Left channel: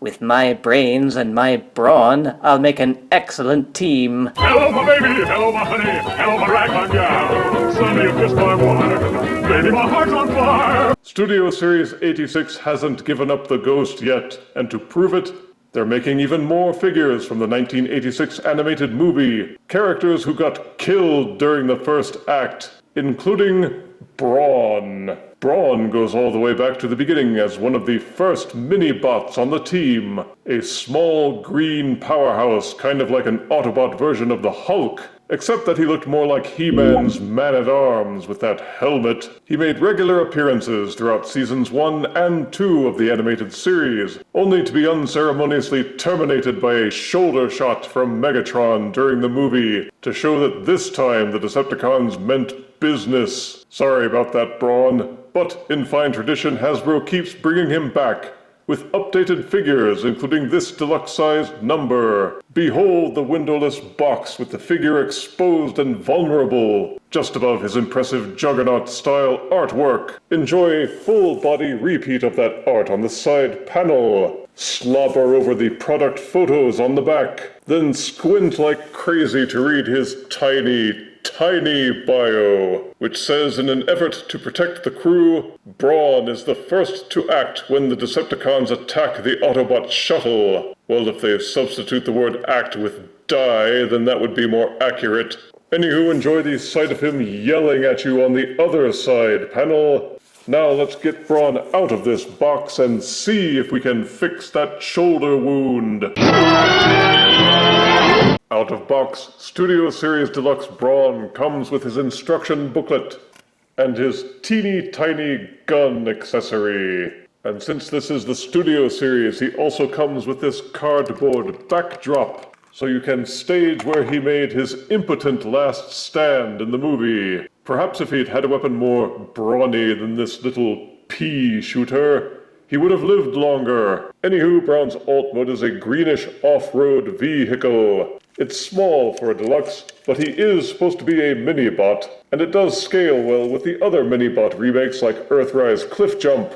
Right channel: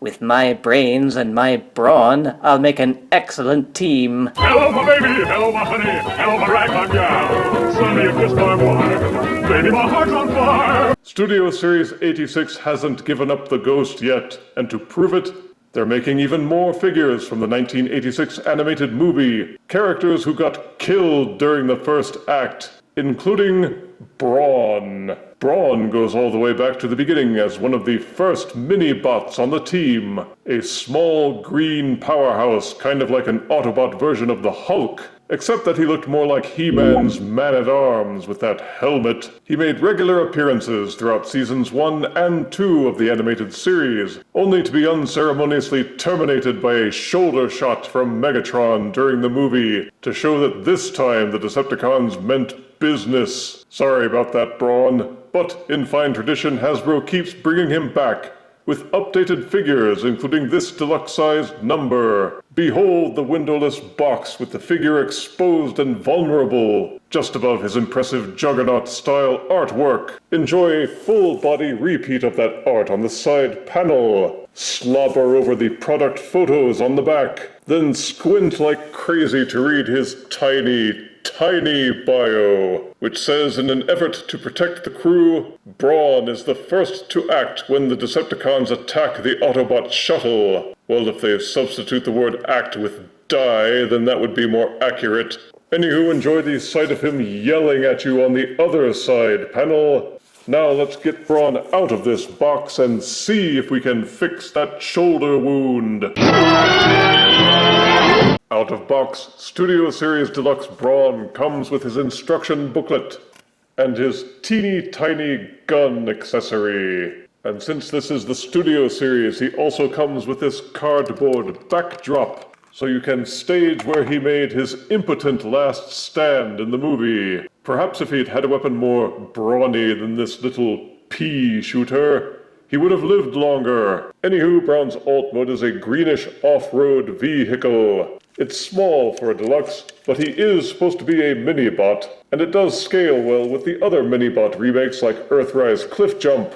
With my brains and my brawn, I'll make an excellent team. Hello, my baby. Hello, my honey. Hello, my ragtime gal. Suddenly you kissed my wife. Baby, my heart's on fire. Studio Series 86 hasn't given up the ghost yet, and to prove it, they're making even more figures from the 1986 animated movie. Characters who got killed during the first act, including Brawn. Brawn goes all the way back to the beginning as one of the first mini-bots on the team. A small green powerhouse, kind of like an Autobot version of the Hulk. Except that he looked more like He-Man's Man-at-Arms with that helmet. He made regular appearances throughout seasons 1 and 2 of the animated series, only to be unceremoniously terminated by a shoulder shot from Megatron during the movie, to show that this time the Decepticons meant business. Sorry about that, Brawn. But in fine tradition, Hasbro keeps bringing him back, with updated figures, including this deluxe-sized number. Behold the windowless box with the figure exposed and vulnerable, just above his impressive Juggernaut-style artwork. Enjoy a full-body repeat of that art on the side panel. Slobber over the product photos on the back. Then squint like crazy to read his tiny bio, which says, in an effort to protect the crew, Brawn is the first to act when the Decepticons attack the Autobot shuttle. Well, if they substitute the word act with die, then that would be more accurate. Anywho, enjoy the sight of him yelling at you on the other side panel. Now let's get Brawn out of this box and see if we can fix that shoulder wound. Out of box, Studio Series Deluxe Brawn comes with his instruction booklet and his teeny tiny gun accessory. And since this is the Studio Series, he also comes with this cardboard backdrop, so you can stage where he made his impotent last stand in the movie. Perhaps if he'd had a weapon more brawny than this little pea shooter, he would have lived longer. Anywho, Brawn's alt mode is a greenish off-road vehicle. It's small for a deluxe, but he is supposed to be a mini-bot, and it does scale well with the other mini-bot remakes like Earthrise Cliff Jump.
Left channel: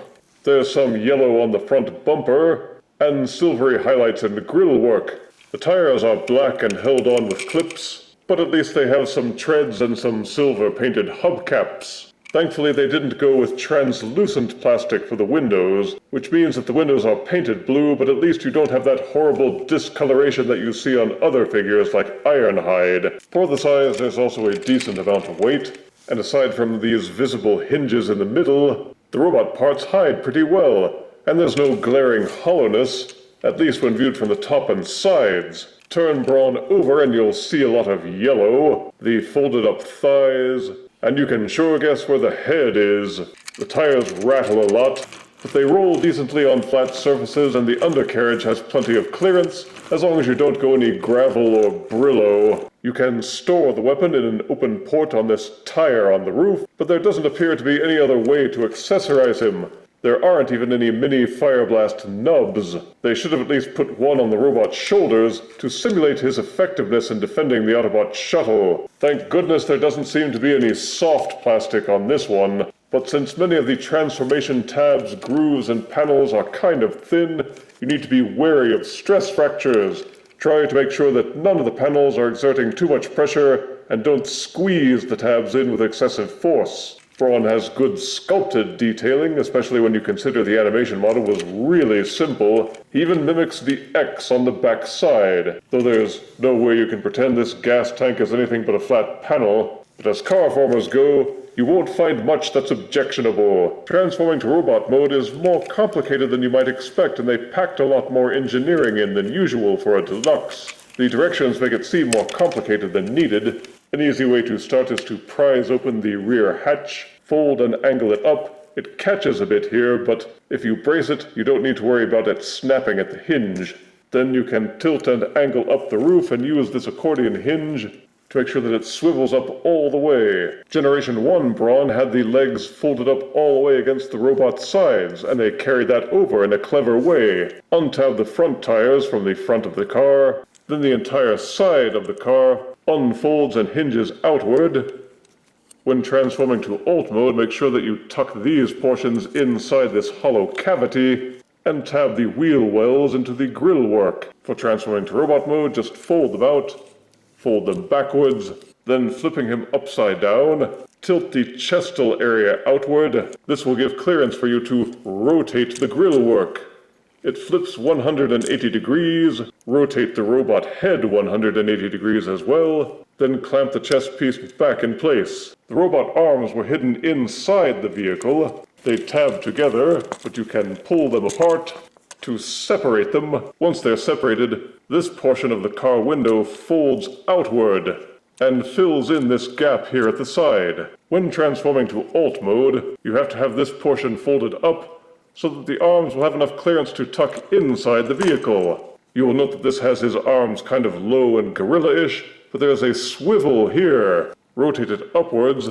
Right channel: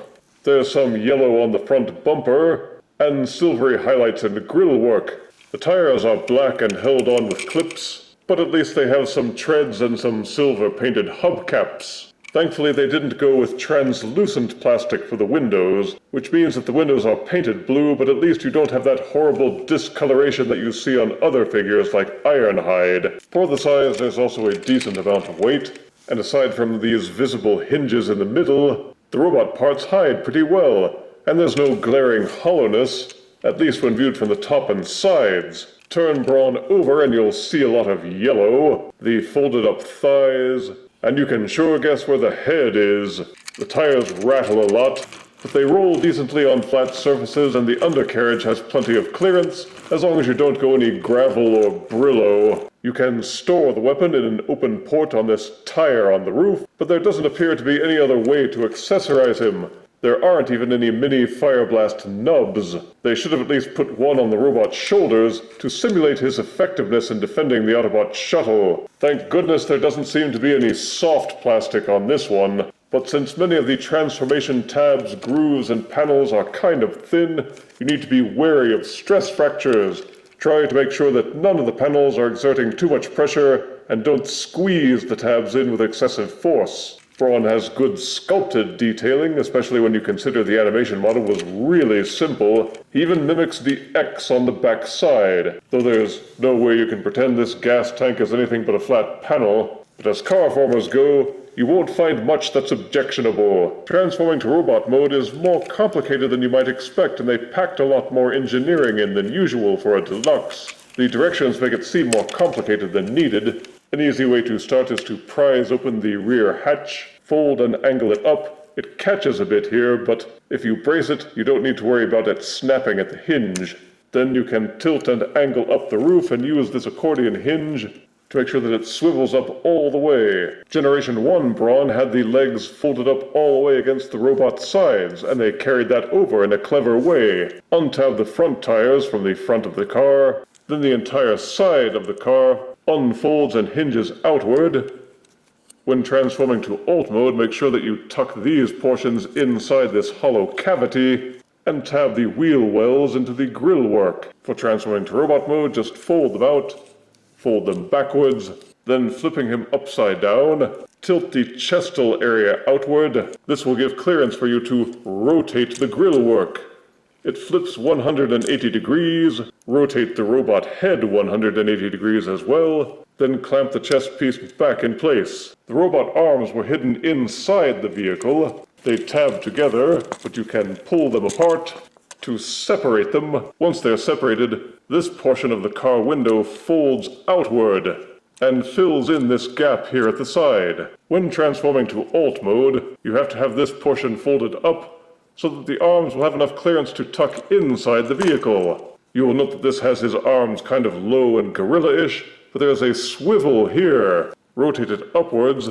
There's some yellow on the front bumper, and silvery highlights in the grille work. The tires are black and held on with clips, but at least they have some treads and some silver-painted hubcaps. Thankfully, they didn't go with translucent plastic for the windows, which means that the windows are painted blue, but at least you don't have that horrible discoloration that you see on other figures like Ironhide. For the size, there's also a decent amount of weight, and aside from these visible hinges in the middle, the robot parts hide pretty well, and there's no glaring hollowness, at least when viewed from the top and sides. Turn Brawn over and you'll see a lot of yellow, the folded up thighs, and you can sure guess where the head is. The tires rattle a lot, but they roll decently on flat surfaces, and the undercarriage has plenty of clearance, as long as you don't go any gravel or Brillo. You can store the weapon in an open port on this tire on the roof, but there doesn't appear to be any other way to accessorize him. There aren't even any mini Fire Blast nubs. They should have at least put one on the robot's shoulders to simulate his effectiveness in defending the Autobot shuttle. Thank goodness there doesn't seem to be any soft plastic on this one, but since many of the transformation tabs, grooves, and panels are kind of thin, you need to be wary of stress fractures. Try to make sure that none of the panels are exerting too much pressure, and don't squeeze the tabs in with excessive force. Brawn has good sculpted detailing, especially when you consider the animation model was really simple. He even mimics the X on the back side, though there's no way you can pretend this gas tank is anything but a flat panel. But as car formers go, you won't find much that's objectionable. Transforming to robot mode is more complicated than you might expect, and they packed a lot more engineering in than usual for a deluxe. The directions make it seem more complicated than needed. An easy way to start is to prise open the rear hatch, fold and angle it up. It catches a bit here, but if you brace it, you don't need to worry about it snapping at the hinge. Then you can tilt and angle up the roof and use this accordion hinge to make sure that it swivels up all the way. Generation 1 Brawn had the legs folded up all the way against the robot's sides, and they carried that over in a clever way. Untab the front tires from the front of the car, then the entire side of the car unfolds and hinges outward. When transforming to alt mode, make sure that you tuck these portions inside this hollow cavity, and tab the wheel wells into the grill work. For transferring to robot mode, just fold them out, fold them backwards, then flipping him upside down, tilt the chestal area outward. This will give clearance for you to rotate the grill work. It flips 180 degrees, rotate the robot head 180 degrees as well, then clamp the chest piece back in place. The robot arms were hidden inside the vehicle. They tab together, but you can pull them apart to separate them. Once they're separated, this portion of the car window folds outward and fills in this gap here at the side. When transforming to Alt mode, you have to have this portion folded up so that the arms will have enough clearance to tuck inside the vehicle. You will note that this has his arms kind of low and gorilla-ish, but there is a swivel here. Rotate it upwards.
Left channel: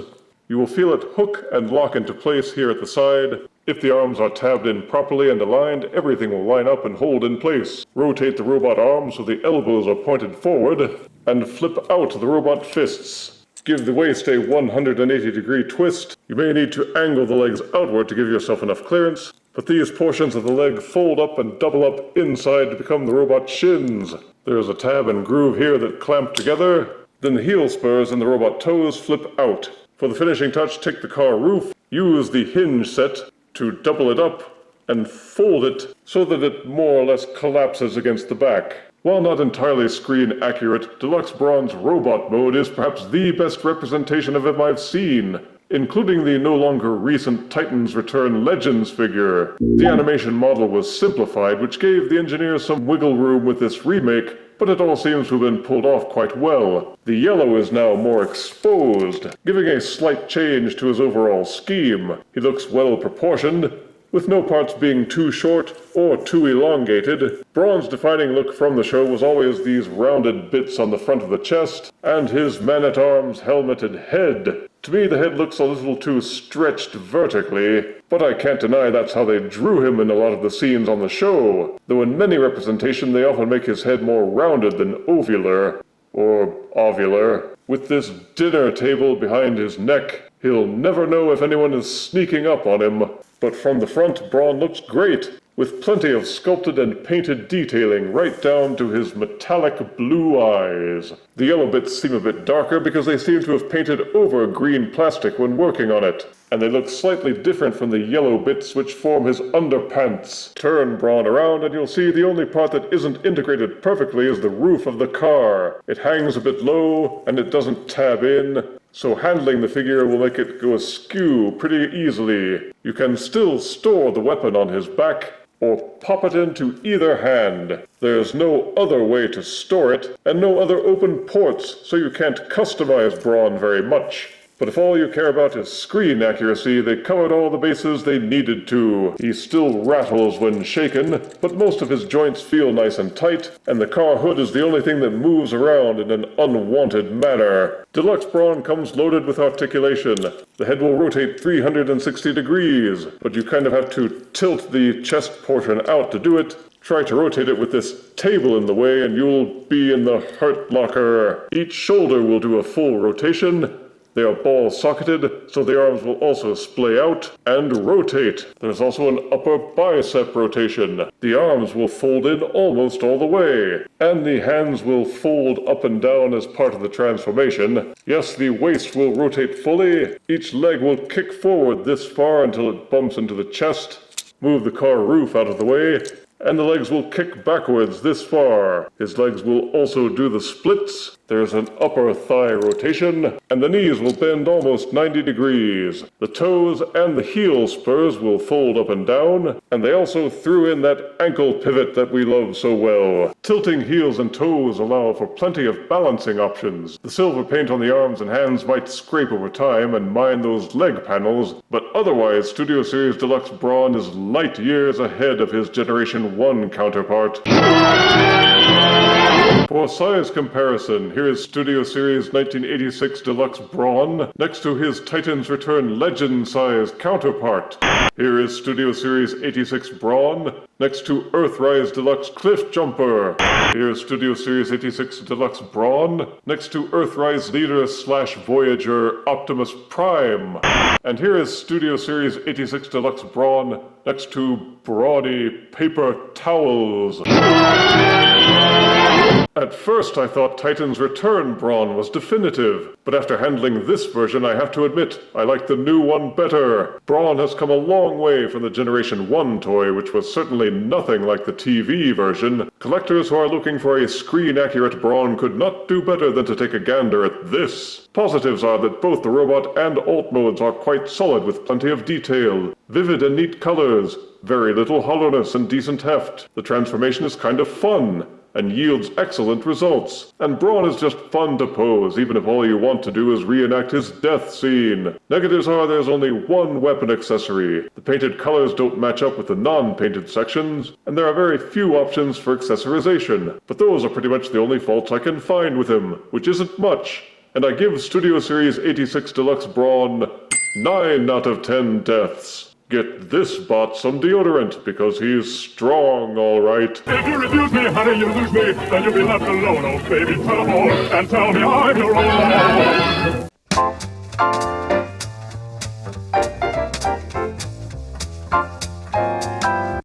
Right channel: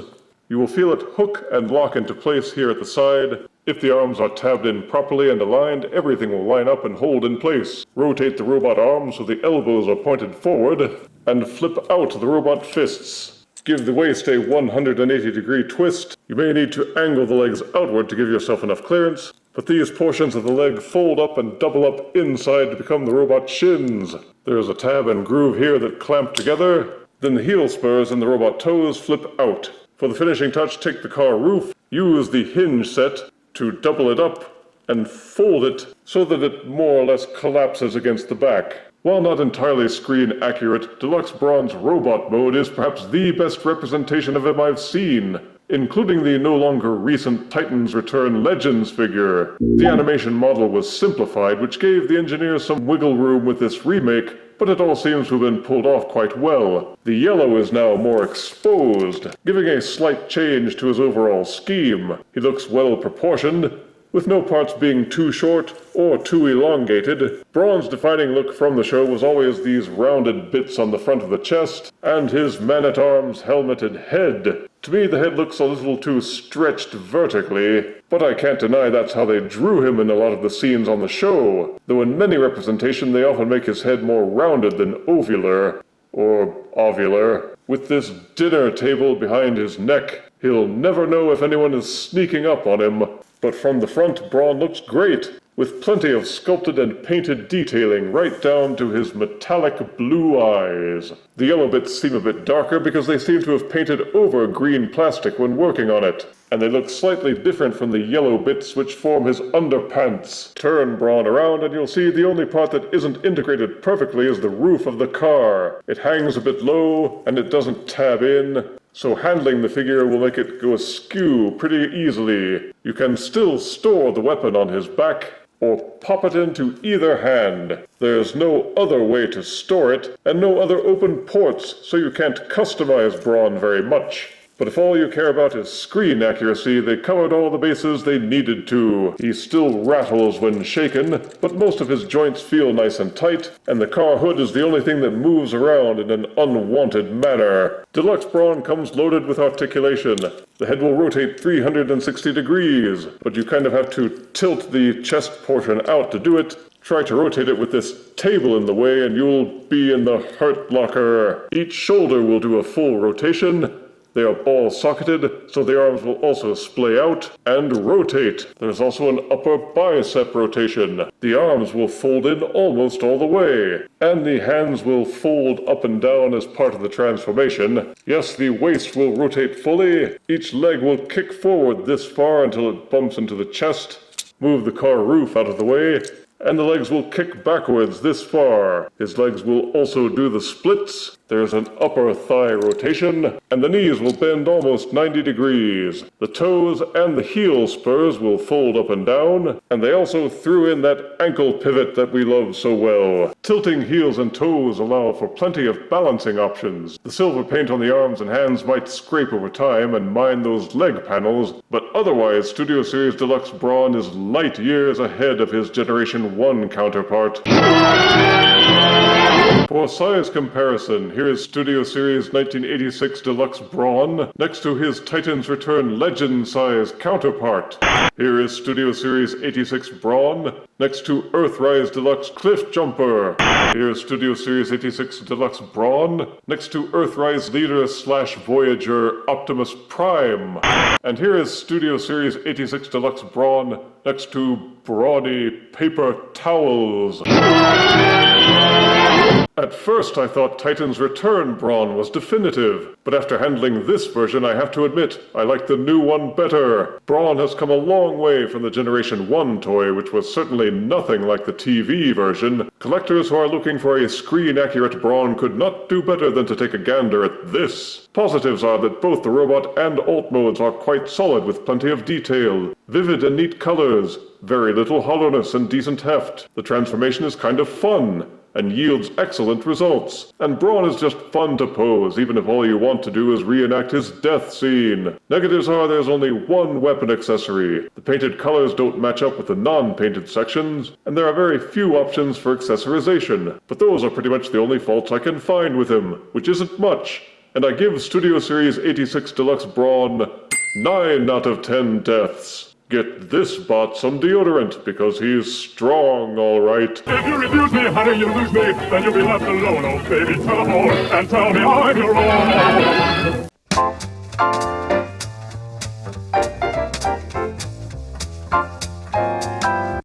You will feel it hook and lock into place here at the side. If the arms are tabbed in properly and aligned, everything will line up and hold in place. Rotate the robot arms so the elbows are pointed forward, and flip out the robot fists. Give the waist a 180-degree twist. You may need to angle the legs outward to give yourself enough clearance, but these portions of the leg fold up and double up inside to become the robot shins. There is a tab and groove here that clamp together. Then the heel spurs and the robot toes flip out. For the finishing touch, take the car roof, use the hinge set to double it up and fold it so that it more or less collapses against the back. While not entirely screen accurate, Deluxe Brawn's robot mode is perhaps the best representation of him I've seen, including the no longer recent Titans Return Legends figure. The animation model was simplified, which gave the engineers some wiggle room with this remake, but it all seems to have been pulled off quite well. The yellow is now more exposed, giving a slight change to his overall scheme. He looks well proportioned, with no parts being too short or too elongated. Brawn's defining look from the show was always these rounded bits on the front of the chest, and his man-at-arms helmeted head. To me, the head looks a little too stretched vertically, but I can't deny that's how they drew him in a lot of the scenes on the show, though in many representations they often make his head more rounded than ovular, or ovular. With this dinner table behind his neck, he'll never know if anyone is sneaking up on him. But from the front, Brawn looks great, with plenty of sculpted and painted detailing right down to his metallic blue eyes. The yellow bits seem a bit darker because they seem to have painted over green plastic when working on it, and they look slightly different from the yellow bits which form his underpants. Turn Brawn around and you'll see the only part that isn't integrated perfectly is the roof of the car. It hangs a bit low and it doesn't tab in, so handling the figure will make it go askew pretty easily. You can still store the weapon on his back, or pop it into either hand. There's no other way to store it, and no other open ports, so you can't customize Brawn very much. But if all you care about is screen accuracy, they covered all the bases they needed to. He still rattles when shaken, but most of his joints feel nice and tight, and the car hood is the only thing that moves around in an unwanted manner. Deluxe Brawn comes loaded with articulation. The head will rotate 360 degrees, but you kind of have to tilt the chest portion out to do it. Try to rotate it with this table in the way and you'll be in the heart locker. Each shoulder will do a full rotation. They are ball-socketed, so the arms will also splay out and rotate. There's also an upper bicep rotation. The arms will fold in almost all the way, and the hands will fold up and down as part of the transformation. Yes, the waist will rotate fully. Each leg will kick forward this far until it bumps into the chest. Move the car roof out of the way, and the legs will kick backwards this far. His legs will also do the splits. There's an upper thigh rotation, and the knees will bend almost 90 degrees. The toes and the heel spurs will fold up and down, and they also threw in that ankle pivot that we love so well. Tilting heels and toes allow for plenty of balancing options. The silver paint on the arms and hands might scrape over time and mine those leg panels, but otherwise Studio Series Deluxe Brawn is light years ahead of his Generation 1 counterpart. For size comparison, here's Studio Series 1986 Deluxe Brawn next to his Titans Return Legend size counterpart. Here is Studio Series 86 Brawn next to Earthrise Deluxe Cliff Jumper. Here's Studio Series 86 Deluxe Brawn next to Earthrise Leader / Voyager Optimus Prime. And here is Studio Series 86 Deluxe Brawn next to Brawny Paper Towels. At first I thought Titans Return Brawn was definitive, but after handling this version I have to admit I like the new one better. Brawn has come a long way from the Generation 1 toy, which was certainly nothing like the TV version. Collectors who are looking for a screen-accurate Brawn could not do better than to take a gander at this. Positives are that both the robot and alt modes are quite solid with plenty of detail, vivid and neat colors, very little hollowness and decent heft. The transformation is kind of fun and yields excellent results. And Brawn is just fun to pose, even if all you want to do is reenact his death scene. Negatives are there's only one weapon accessory. The painted colors don't match up with the non-painted sections, and there are very few options for accessorization. But those are pretty much the only faults I can find with him, which isn't much. And I give Studio Series 86 Deluxe Brawn 9 out of 10 deaths. Get this bot some deodorant, because he's strong, alright. If you refuse me, honey, you lose me. Then you'll be left alone, oh baby, tell them all, and tell me I'm your own.